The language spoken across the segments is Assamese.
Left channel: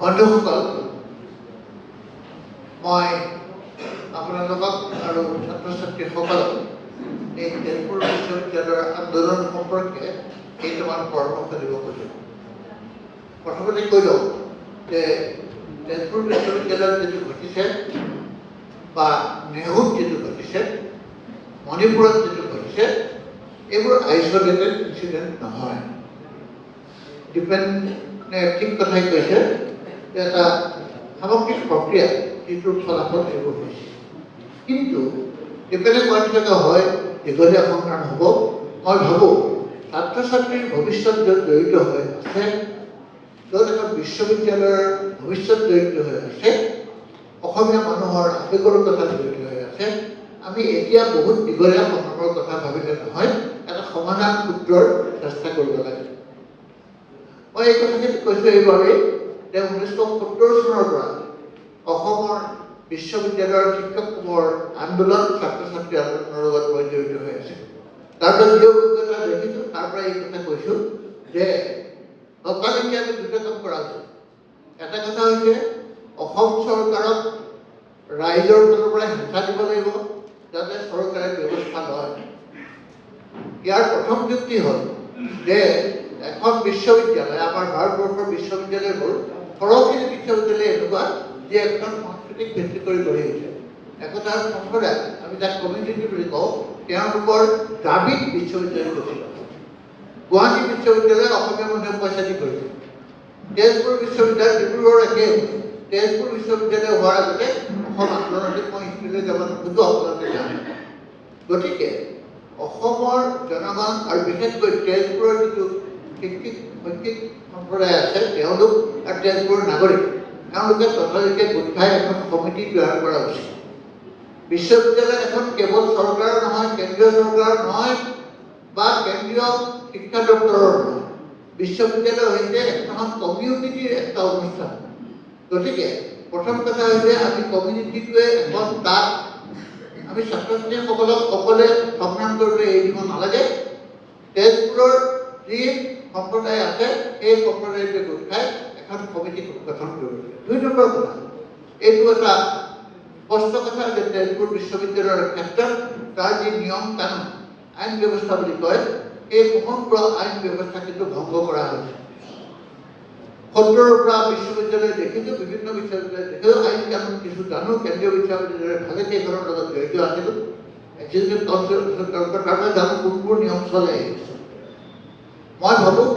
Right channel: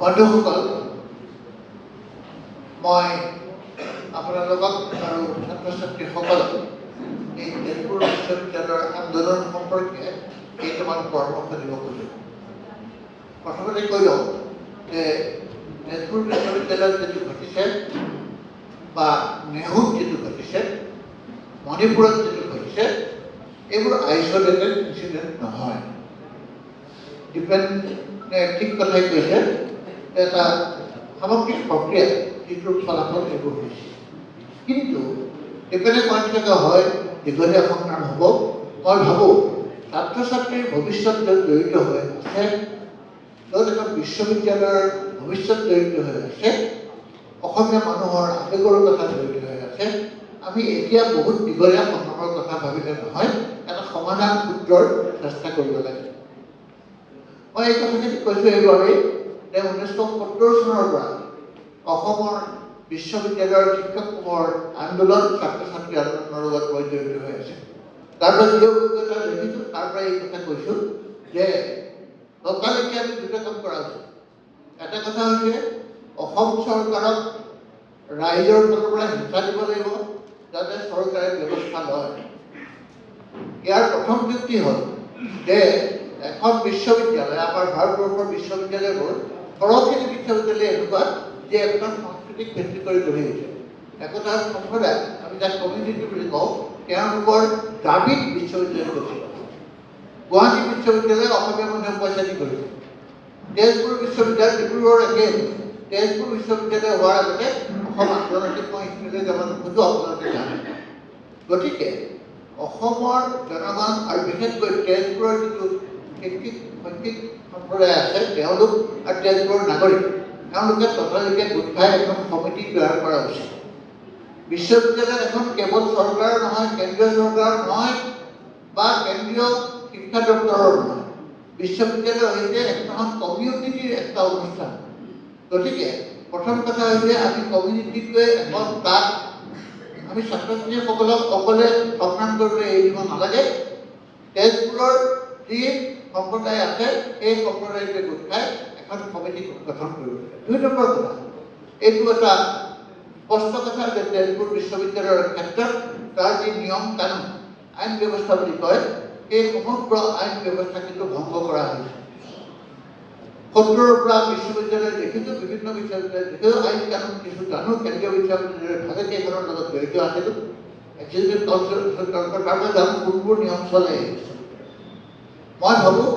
বন্ধুসকল, মই আপোনালোকক আৰু ছাত্ৰ ছাত্ৰীসকলক এই তেজপুৰ বিশ্ববিদ্যালয়ৰ আন্দোলন সম্পৰ্কে কেইটামান পৰামৰ্শ দিব খোজোঁ। প্ৰথমতে কৈ লওঁ যে তেজপুৰ বিশ্ববিদ্যালয়ত যিটো ঘটিছে বা নেহুত যিটো ঘটিছে, মণিপুৰত যিটো ঘটিছে, এইবোৰ আইচলেটেড ইনচিডেণ্ট নহয়। ঠিক কথাই কৈছে যে এটা সামগ্ৰিক প্ৰক্ৰিয়া যিটোৰ ফলাফল এইবোৰ হৈছে। কিন্তু ডিপেণ্ডে কৰি থকা হয় দীঘলীয়া সংগ্ৰাম হ'ব। মই ভাবোঁ ছাত্ৰ ছাত্ৰীৰ ভৱিষ্যত য'ত জড়িত হৈ আছে, য'ত এখন বিশ্ববিদ্যালয়ৰ ভৱিষ্যত জড়িত হৈ আছে, অসমীয়া মানুহৰ আৱেগৰ কথা জড়িত হৈ আছে, আমি এতিয়া বহুত দীঘলীয়া সংগ্ৰামৰ কথা ভাবিলে নহয়, এটা সমাধান সূত্ৰৰ চেষ্টা কৰিব লাগে। মই এই কথাখিনি কৈছোঁ এইবাবেই যে 1970 চনৰ পৰা অসমৰ বিশ্ববিদ্যালয়ৰ শিক্ষকসমূহৰ আন্দোলন ছাত্ৰ ছাত্ৰী আন্দোলনৰ লগত মই জড়িত হৈ আছে। তাৰ পৰা যি অভিজ্ঞতা দেখিছোঁ তাৰ পৰা এই কথা কৈছোঁ যে অকালিকে আমি দুটা কাম কৰা উচিত। এটা কথা হৈছে অসম চৰকাৰক ৰাইজৰ ফালৰ পৰা হেঁচা দিব লাগিব যাতে চৰকাৰে ব্যৱস্থা লয়। ইয়াৰ প্ৰথম যুক্তি হ'ল যে এখন বিশ্ববিদ্যালয়, আমাৰ ভাৰতবৰ্ষৰ বিশ্ববিদ্যালয়বোৰ সৰহখিনি বিশ্ববিদ্যালয় এনেকুৱা যে এখন সাংস্কৃতিক ভিত্তি কৰি গঢ়ি উঠে। একোটা সম্প্ৰদায়, আমি যাক কমিউনিটি বুলি কওঁ, তেওঁলোকৰ দাবীত বিশ্ববিদ্যালয় গঠিত। গুৱাহাটী বিশ্ববিদ্যালয় অসমীয়া মানুহে পইচা দি কৰিছে। তেজপুৰ বিশ্ববিদ্যালয়, ডিব্ৰুগড় একেই। তেজপুৰ বিশ্ববিদ্যালয় হোৱাৰ আগতে অসম আন্তৰ্জাতিক মই স্কুললৈ যাব নোখোজোঁ, আপোনালোকে জানে। গতিকে অসমৰ জনগণ আৰু বিশেষকৈ তেজপুৰৰ যিটো শৈক্ষিক সম্প্ৰদায় আছে, তেওঁলোক আৰু তেজপুৰৰ নাগৰিক, তেওঁলোকে তথাপিকে গোট খাই এখন কমিটি তৈয়াৰ কৰা উচিত। বিশ্ববিদ্যালয় এখন কেৱল চৰকাৰৰ নহয়, কেন্দ্ৰীয় চৰকাৰৰ নহয় বা কেন্দ্ৰীয় শিক্ষা দপ্তৰৰ নহয়। বিশ্ববিদ্যালয় হৈছে এখন কমিউনিটিৰ এটা অনুষ্ঠান। গতিকে প্ৰথম কথা হৈছে আমি কমিউনিটিটোৱে এখন তাত আমি ছাত্ৰ ছাত্ৰীসকলক অকলে সংগ্ৰাম কৰিবলৈ এৰি দিব নালাগে। তেজপুৰৰ যি সম্প্ৰদায় আছে এই সম্প্ৰদায়টোৱে গোট খাই এখন কমিটি গঠন কৰিব লাগে। ২ নম্বৰ কথা, এইটো এটা স্পষ্ট কথা যে তেজপুৰ বিশ্ববিদ্যালয়ৰ ক্ষেত্ৰত তাৰ যি নিয়ম কানুন, আইন ব্যৱস্থা বুলি কয়, এই সমগ্ৰ আইন ব্যৱস্থা কিন্তু ভংগ কৰা হৈছে। 70ৰ পৰা বিশ্ববিদ্যালয় দেখিছোঁ, বিভিন্ন বিশ্ববিদ্যালয় দেখিছোঁ, আইন কানুন কিছু জানো, কেন্দ্ৰীয় বিশ্ববিদ্যালয়ৰ ভাগে কেইখনৰ লগত জড়িত আছিলোঁ, এক্সিকিউটিভ কাউন্সিলৰ কাৰণে জানো কোনবোৰ নিয়ম চলে। মই ভাবোঁ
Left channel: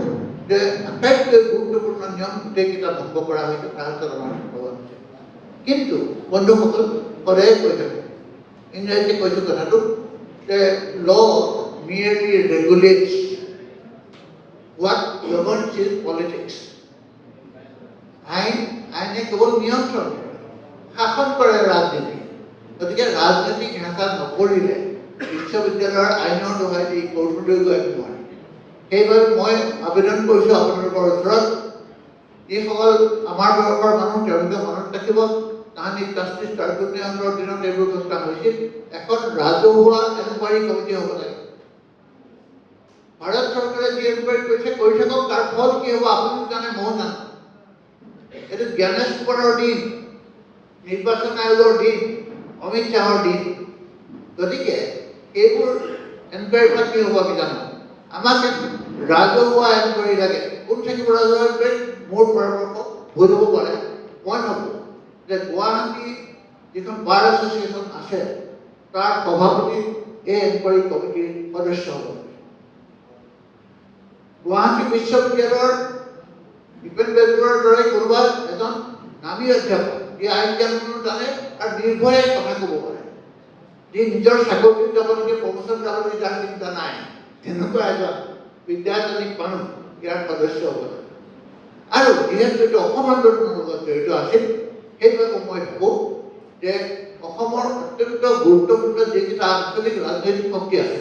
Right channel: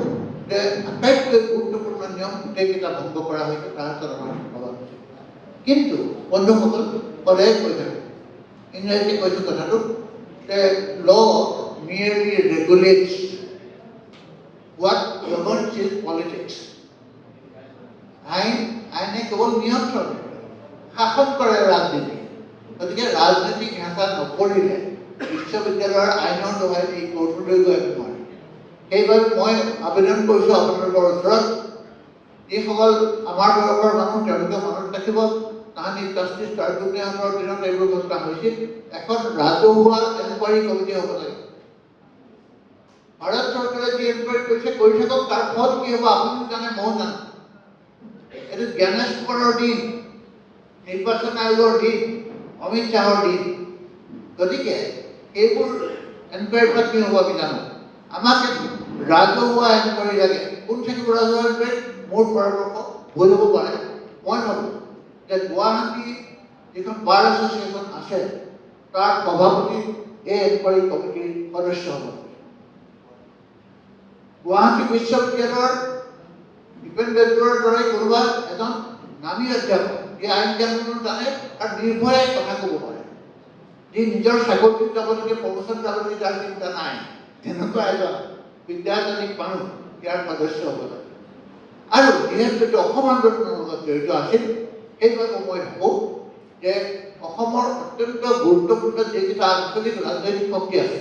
যে আটাইতকৈ গুৰুত্বপূৰ্ণ নিয়ম গোটেইকেইটা ভংগ কৰা হৈছে, তাৰ হাতত আমাৰ ভগৱান আছে। কিন্তু বন্ধুসকল, সদায় কৈ থাকোঁ, ইংৰাজীতে কৈছোঁ কথাটো যে ল merely regulates what governs is politics. আইনে কেৱল নিয়ন্ত্ৰণ কৰে, শাসন কৰে ৰাজনীতি। গতিকে ৰাজনৈতিক হেঁচা নকৰিলে বিশ্ববিদ্যালয়ৰ আইনৰ দোহাই দি কোৰ্টলৈ গৈ আমি নোৱাৰিম। সেইবাবে মই আবেদন কৰিছোঁ আপোনালোকৰ ওচৰত, যিসকল আমাৰ বয়সৰ মানুহ তেওঁলোকে মনত ৰাখিব, তাহানি জাষ্টিছ ট্ৰাইব্যুনেলৰ দিনত এইবোৰ ঘটনা হৈছিল। এখন ৰাজহুৱা এনকুৱাৰী কমিটি হ'ব লাগে। ভাৰত চৰকাৰে যি এনকুৱাৰী কৰিছে কৰি থাকক, তাৰ ফল কি হ'ব আপুনিও জানে, ময়ো জানো। এইটো জ্ঞানেশ কুমাৰৰ দিন, নিৰ্বাচন আয়োগৰ দিন, অমিত শ্বাহৰ দিন। গতিকে এইবোৰ এনকুৱাৰীৰ পৰা কি হ'ব আমি জানো। আমাক ৰাজহুৱা এনকুৱাৰী লাগে। কোন থাকিব ৰাজহুৱা এনকুৱাৰী? মোৰ পৰামৰ্শ ভুল হ'ব পাৰে। মই ভাবোঁ যে গুৱাহাটী যিখন বাৰ এছ'চিয়েশ্যন আছে তাৰ সভাপতি এই এনকুৱাৰী কমিটিৰ সদস্য হ'ব। গুৱাহাটী বিশ্ববিদ্যালয়ৰ ভূপেন বেজবৰুৱাৰ দৰে কোনোবা এজন নামী অধ্যাপক, যি আইন কানুন জানে আৰু নিৰ্ভয়ে কথা ক'ব পাৰে, যি নিজৰ চাকৰিত যাব লাগে, প্ৰমোচন যাব লাগে, যাৰ চিন্তা নাই, তেনেকুৱা এজন বিদ্যায়তনিক মানুহ ইয়াৰ সদস্য হ'ব লাগে। আৰু যিহেতু এইটো অসম আন্দোলনৰ লগত জড়িত আছিল, সেইবাবে মই ভাবোঁ যে অসমৰ অত্যন্ত গুৰুত্বপূৰ্ণ যিকেইটা আঞ্চলিক ৰাজনৈতিক শক্তি আছে,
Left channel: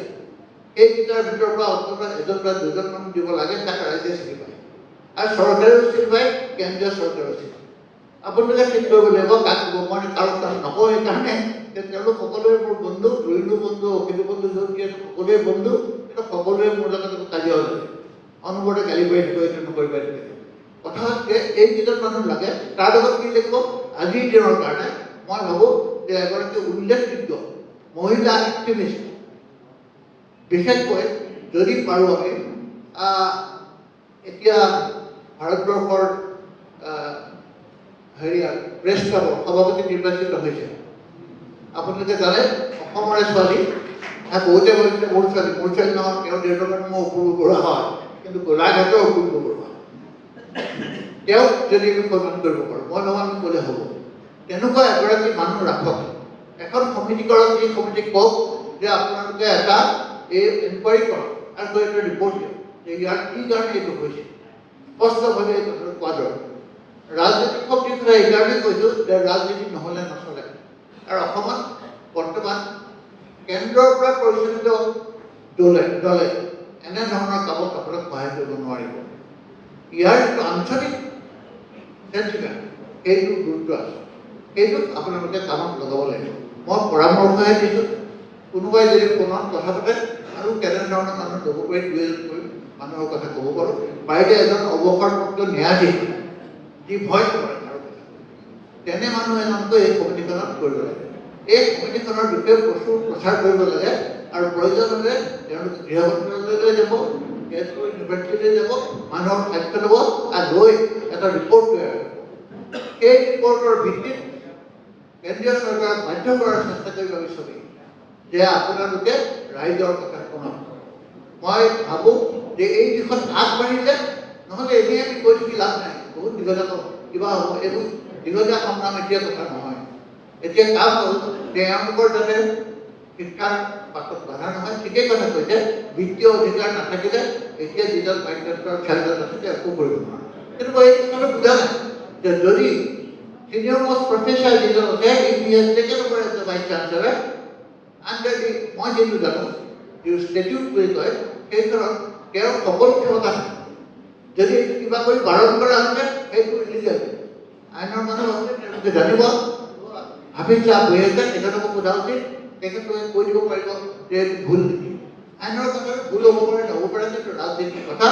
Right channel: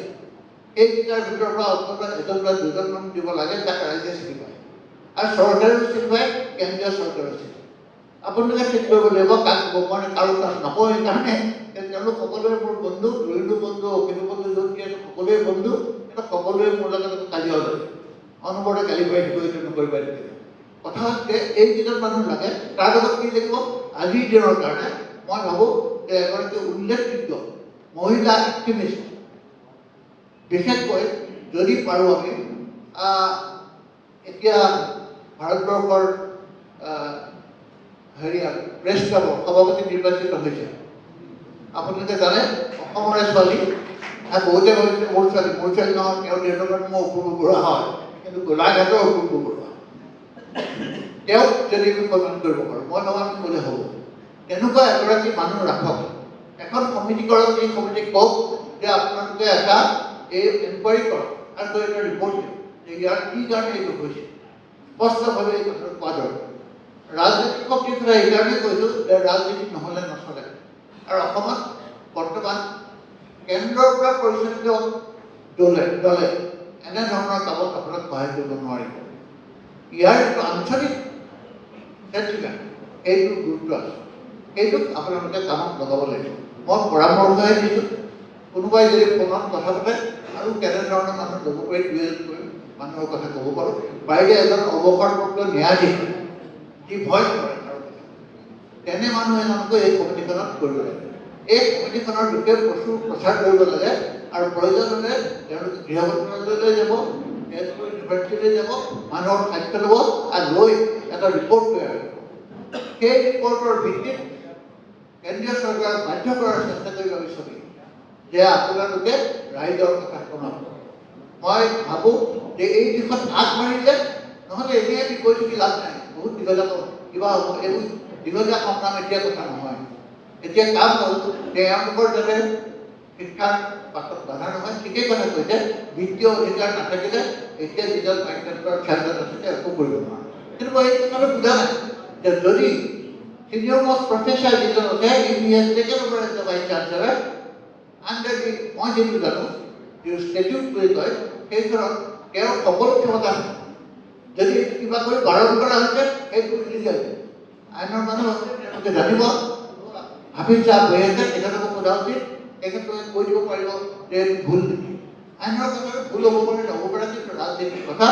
সেইকেইটাৰ ভিতৰৰ পৰা অন্ততঃ এজন বা দুজন মানুহ দিব লাগে, যাক ৰাইজে চিনি পায়। আৰু চৰকাৰেও চিনি পায়, কেন্দ্ৰীয় চৰকাৰেও চিনি পায়। আপোনালোকে ঠিক কৰিব লাগিব কাক ক'ব। মই কাৰো কাম নকওঁ সেইকাৰণে যে তেওঁলোক সকলোৱে মোৰ বন্ধু, ৰইলু বন্ধু, অখিলু বন্ধু, য'ত সকলোৱে বন্ধু, কিন্তু সকলোৱে মোৰ লগত কাজিয়া হৈ অনবৰতে গালি পাই দিব, এইটো নকৰিব। কথা হ'ল যে এই যিজন মানুহ লাগে তাৰ লগত কি লাগিব আজিৰ দিনৰ কাৰণে মই ভাবোঁ যে এগৰাকী উল্লেখযোগ্য মহিলা এক্টিভিষ্ট বিশেষকৈ যদি পাৰোঁ আমি এতিয়া ভাৰতবৰ্ষৰ প্ৰেছ ক্লাবৰ সভাপতি নিৰ্বাচিত হৈছে আপোনালোকে জানে অসমৰে ছোৱালী বহুতে ভাবিছে মোৰ ছোৱালী নহয় তেওঁ দেউতাকৰ মই অপূৰ্ব বৰুৱা হয় কিন্তু গোলাঘাটৰ অপূৰ্ব বৰুৱা তেওঁক যদি আমি সন্মান কৰিব পাৰোঁ মই ভাবোঁ আমি ক'লে হ'ব তেনেকুৱা এগৰাকী মানুহ ৰাখক এখন সমিতি কৰক এই সমিতিক কওক যে আপোনালোকে এটা এই এনকুৱাৰী কৰক আৰু এটা ৰিপৰ্ট দিয়ক যে ইয়াৰ কি কাৰণে এইটো হৈছে স্পষ্টভাৱে এই কথাটো কোৱা দৰকাৰ ৰাজনৈতিক শক্তিৰ কথা এইকাৰণে কৈছোঁ যে ৰাজনীতি নহ'লে নচলে আৰু অসমত বৰ্তমান কেন্দ্ৰৰ পৰা পৰিচালিত দলে এনেধৰণৰ কামত আপোনাক সহায় কৰিব নোৱাৰিব ইয়াৰ যিটো আঞ্চলিক নেতৃত্ব সেইটো গুৰুত্ব আছে সেইটোক আপোনালোকে কামত লগাব লাগিব মই পৰামৰ্শহে দিছোঁ কোনোবাই যদি ফোনত কথা পাতে আৰু কেনেধৰণৰ মানুহ ল'ব পাৰি দুই মানুহৰ কথা ক'ব পাৰোঁ বাইদেউ এজন অৱসৰপ্ৰাপ্ত ন্যায়াধীশ যি ভয় কৰে আৰু তেনে মানুহ এজনকৈ এই সমিতিখনত কৰিব লাগে এই সমিতিখনৰ বিষয়ে প্ৰচুৰ প্ৰচাৰ কৰিব লাগে আৰু প্ৰয়োজন হ'লে তেওঁলোকে গৃহ মন্ত্ৰালয়লৈ যাব তেজপুৰ ইউনিভাৰ্চিটিলৈ যাব মানুহৰ সাক্ষ্য ল'ব আৰু লৈ এটা ৰিপৰ্ট তৈয়াৰ কৰিব সেই ৰিপৰ্টৰ ভিত্তিত কেন্দ্ৰীয় চৰকাৰক বাধ্য কৰাৰ চেষ্টা কৰিব বিচাৰি যে আপোনালোকে ৰাইজৰ কথা শুনক মই ভাবোঁ যে এই দিশত আগবাঢ়িলে নহ'লে এনেই আমি কৈ থাকি লাভ নাই বহুত দীঘলীয়া কিবা হ'ব এইবোৰ দীঘলীয়া সংগ্ৰাম এতিয়া কথা নহয় এতিয়া কাম হ'ল যে এওঁলোকৰ যাতে শিক্ষাৰ পাছত বাধা নহয় ঠিকেই কথা কৈছে বিত্তীয় অধিকাৰ নাথাকিলে এতিয়া যিজন পাঠ্যক্ৰমৰ খেলজন আছে একো কৰিব নোৱাৰে কিন্তু মই এই কথাটো বুজা নাই যে যদি চিনিয়ৰ মোষ্ট প্ৰফেচাৰ যিজন আছে Indian taken over as the vice chancellor under the মই যিটো জানো যিটো ষ্টেটিউট বুলি কয় সেইখনত তেওঁৰ সকলো ক্ষমতা আছে যদি কিবা কৰি বাৰণ কৰা হৈছে সেইটো ইলিগেল আইনৰ মানুহ আছে তেওঁলোকে জানিব হাফিজ চাহ বহি আছে তেখেতকো সোধা উচিত তেখেতলোকে কৈ দিব পাৰিব যে ভুল নেকি আইনৰ কথাটো ভুল হ'ব পাৰে নহ'ব পাৰে কিন্তু ৰাজনীতিৰ কথা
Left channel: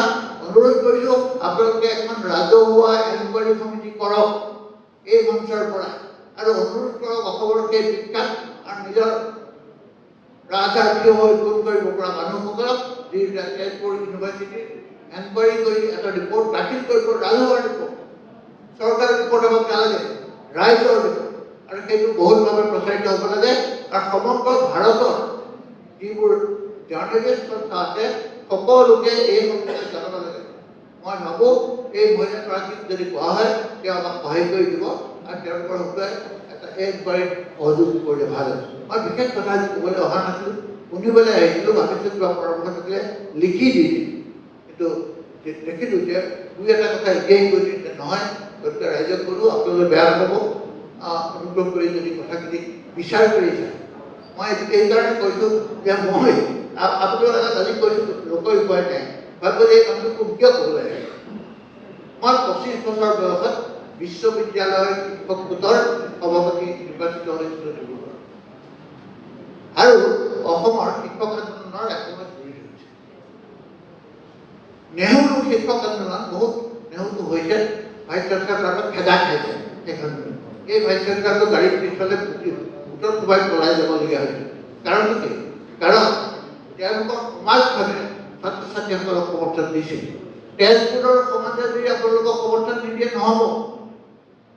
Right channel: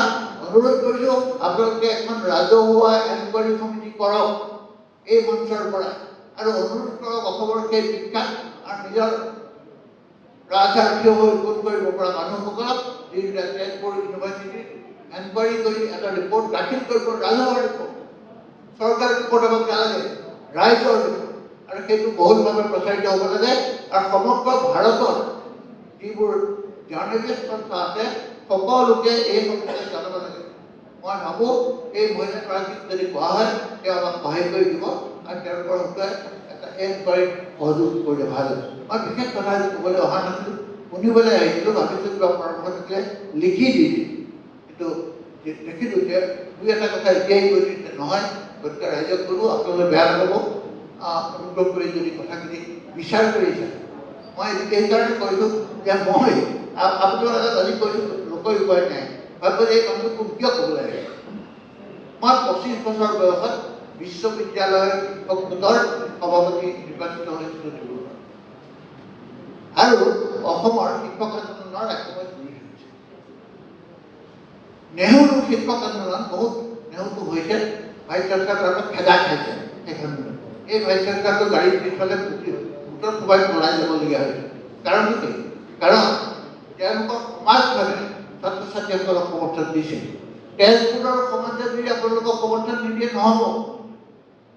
অনুৰোধ কৰিছোঁ আপোনালোকে এখন ৰাজহুৱা এনকুৱাৰী সমিতি কৰক এই মঞ্চৰ পৰা আৰু অনুৰোধ কৰক অসমৰ সেই বিখ্যাত আৰু নিজৰ ৰাজসাক্ষী হৈ ভোট কৰিব পৰা মানুহসকলক যিবিলাক তেজপুৰ ইউনিভাৰ্চিটিত এনকুৱাৰী কৰি এটা ৰিপৰ্ট দাখিল কৰিব ৰাজহুৱা ৰিপৰ্ট চৰকাৰৰ ৰিপৰ্ট হ'ব নালাগে ৰাইজৰ ৰিপৰ্ট আৰু সেইটো বহুলভাৱে প্ৰচাৰিত হ'ব লাগে আৰু সমগ্ৰ ভাৰতৰ যিবোৰ জাৰ্নেলিষ্ট সংস্থা আছে সকলোকে এই সন্দৰ্ভত জানিব লাগে মই ভাবোঁ এই মহিলাগৰাকীক যদি কোৱা হয় তেওঁ আমাক সহায় কৰি দিব আৰু তেওঁলোকৰ হকে এটা এনকুৱাৰীত সহযোগ কৰিলে ভাল হ'ব মই বিশেষ কথা ক'বলৈ অহা নাছিলোঁ শুনিবলৈ আহিছিলোঁ ভাবিছিলোঁ কিবা পৰামৰ্শ থাকিলে লিখি দি দিম কিন্তু দেখিলোঁ যে দুই এটা কথা এতিয়াই কৈ দিছে নহয় গতিকে ৰাইজক ক'লোঁ আপোনালোকে বেয়া নাপাব অনুগ্ৰহ কৰি যদি কথাখিনি বিচাৰ কৰিছে মই এইকাৰণে কৈছোঁ যে মই আপোনালোক এটা জানি কৈছোঁ লোকৰ উপায় নাই ভাবিব যে এই মানুহটো কিয় ক'ব লাগে মই 25 বছৰ বয়সত বিশ্ববিদ্যালয়ৰ শিক্ষক গোটৰ সভাপতি নিৰ্বাচিত হৈছিলোঁ আৰু অসমৰ শিক্ষক আন্দোলনৰ এসময়ত গুৰি ধৰিছে নেহৰু শিক্ষক আন্দোলন বহুত নেহৰুটো হৈছে ভাইচ চেঞ্চেলাৰৰ খেদা খাইছে সেইখন এই ভাইচ চেঞ্চেলাৰটো গাড়ীত পিছফালে উত্তৰ সোমাই পলাই যাবলগীয়া হৈছে কাৰণটো কি কাৰণ তেওঁলোকৰ সমাজখনে ছাত্ৰ ছাত্ৰীসকলক সমৰ্থন দিছিল তেজপুৰৰ সমাজে যদি আপোনালোকক সমৰ্থন নিদিয়ে নহ'ব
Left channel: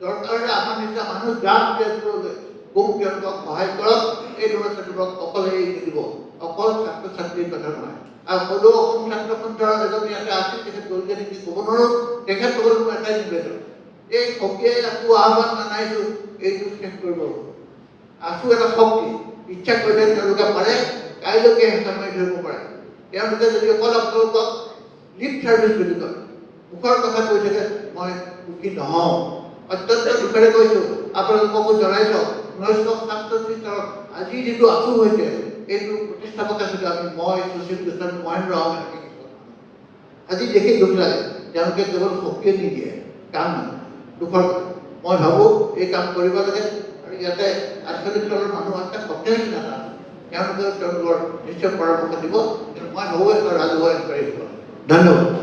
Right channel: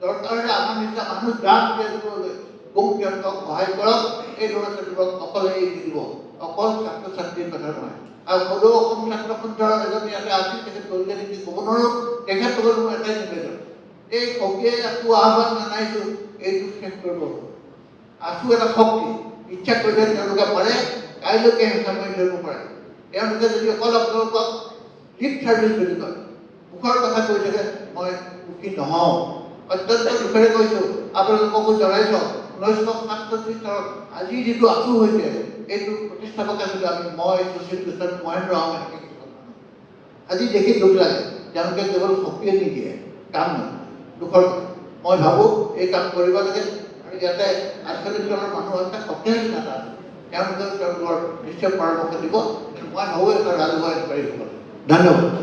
দৰকাৰ হ'লে আমাৰ নিচিনা মানুহ যাক তেজপুৰলৈ খুব তেওঁলোকক সহায় কৰক এই ল'ৰা ছোৱালীবোৰক অকলে এৰি দিব অকল ছাত্ৰ ছাত্ৰীৰ কথা নহয় আৰু সদৌ অসম ছাত্ৰ সন্থাৰ এজন ইয়াতে আছিল তেখেত গ'লগে নেকি ক'ব নোৱাৰোঁ তেখেতসকল মোৰ এটাই নিবেদন এই শক্তিয়ে আকৌ আহ্বান জনাইছোঁ এইটো শেষ কৰিব আছোঁ এটা শক্তি ইচ্ছা কৰিলে তেওঁলোকে পাৰে কাইলৈকে হেঁচা মাৰি ধৰিব পাৰে তেওঁলোকে যদি অকল আপোনালোকক লিপ ছাৰ্ভিচ বুলি কয় মুখৰ কথা কৈ থাকে মই সুখী নহওঁ অত্যন্ত দুখেৰে কৈছোঁ আপোনালোককো জনাইছোঁ 1967 চনত আজি যিটো আঁচু হৈছে এইটো প্ৰতিষ্ঠাপক আছিলোঁ আমি মই সুশীল কৃষ্ণ মহেন্দ্ৰ আহমেদ আজি দেখি দুখ লাগে তেওঁলোকে কেৱল শক্তিয়ে নিদিয়ে কাম নহয় দুখৰ মই ভাবোঁ এই কাম কৰিব লাগে আৰু ইয়াতে আঞ্চলিক দলৰ মানুহ আছে শক্তিশালী নেতা তেওঁলোকে তেওঁলোকৰ নিশ্চয় পৰামৰ্শ দিব কিন্তু মই ভাবোঁ এটা ৰাজহুৱা এনকুৱাৰী হ'ব ধন্যবাদ